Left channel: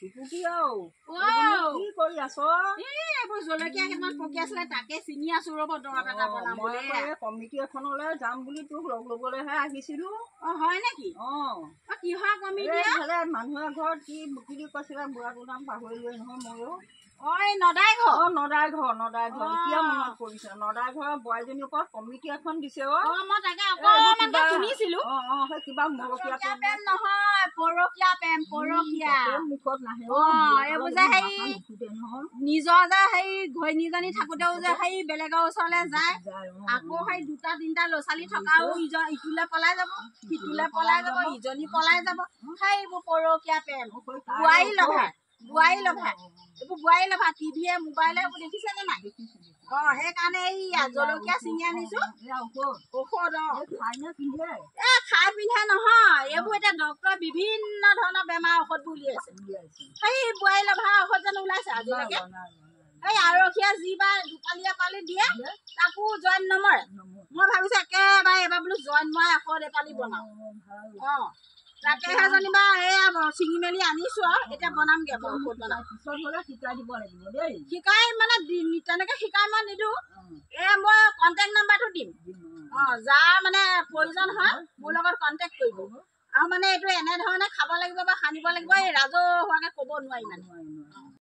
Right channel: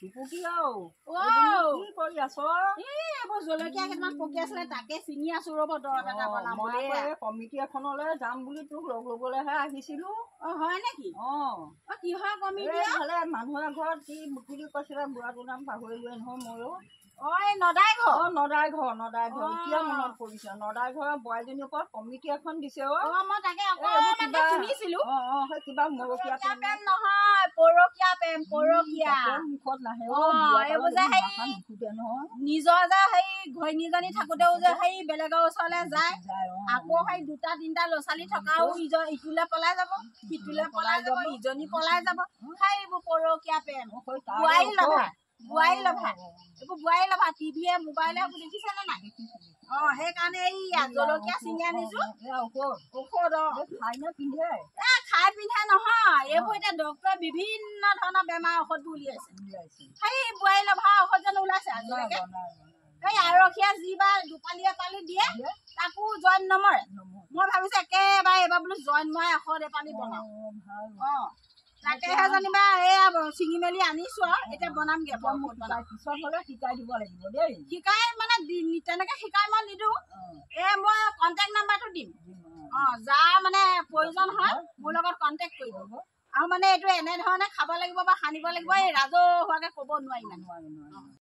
কি কৰি আছ? এইবোৰ জলকীয়া কেইটামান পকি আছিলে তাকে ছিঙি আছো ৰ'ব দৰৱ এটা বনাম বুলি। কমিটি এখনলৈ যাম বুলি তোক লগ ল'বলৈহে আহিছিলো। হয় নেকি? কিহৰ কমিটি? মানুহৰ ঘৰত কি বুলি কৈছিলে বুঢ়াটোৰ নাম পাহৰিলোৱে নহয় ময়ো। নদাই ঘৰ। নদাই ঘৰ কিয় মনত পৰিছে? নদাই ঘৰৰ বোৱাৰীজনীৰ ওপৰত কমিটি এখন দিছে। মই তাকে অকণমান শুনিছিলো। সেই কিবা মৰকীয়া প্ৰেম নহয়, পৰকীয়া প্ৰেম, পৰকীয়া মুখত নাহে। এইবোৰ যে সেই নিজৰ যে সেই ঘৈণীজনী থাকোতেও যে সেই বেলেগৰ ওচৰলৈ যায়, আকৌ সেই দুটা তিনিটা ল'ৰা ছোৱালী থকাও ইটোলে পলাই যাব, সিটোলে পলাই যাব, ইজনী পলাই যাব। সেইবোৰ পৰকীয়া প্ৰেম। বোৱাৰী লভা এইবোৰ বোৱাৰী লভা টিভিয়ে মোবাইলে এইবোৰ দেখিছে নে নাই? সেইকাৰণে এই জলকীয়া ছিঙি আনিছো। ঔষধ খাই পিন্ধে নহয়, এইবোৰ এতিয়া ডক্তৰে বিভিন্ন ধৰণৰ বেমাৰ ঔষধবোৰ উলিয়াইছে। সেই বোৱাৰী লভা ঔষধ জানো ওলাইছে আজিলৈকে? এই আৰক্ষীয়ে যি বা দুপালি এপালি দিয়ে তাকো জইন নমৰে। মই ভাবিছো একেবাৰে এইবাৰ বোলো জইন মৰা এশ এপালি বনাও। তাকেহে যেনিবা এয়া ছিঙি মেলি আনিছো আৰু এতিয়া বনামগে। পিছত হলে শিকাই দিব লাগিব দেই। শিকাই মানে তেনেকে শিকাই মই নিদিওঁ। মই কণ্টেক্ট নাম্বাৰটো দিম। যাৰ মানে প্ৰয়োজন হয় মোৰ লগত কণ্টেক্ট কৰিব। আৰু মানে এইটো এনেধৰণে খাব লাগিব বা সানিব লাগিব, এই ৰাজহুৱাকে ক'ব নোৱাৰি মানে।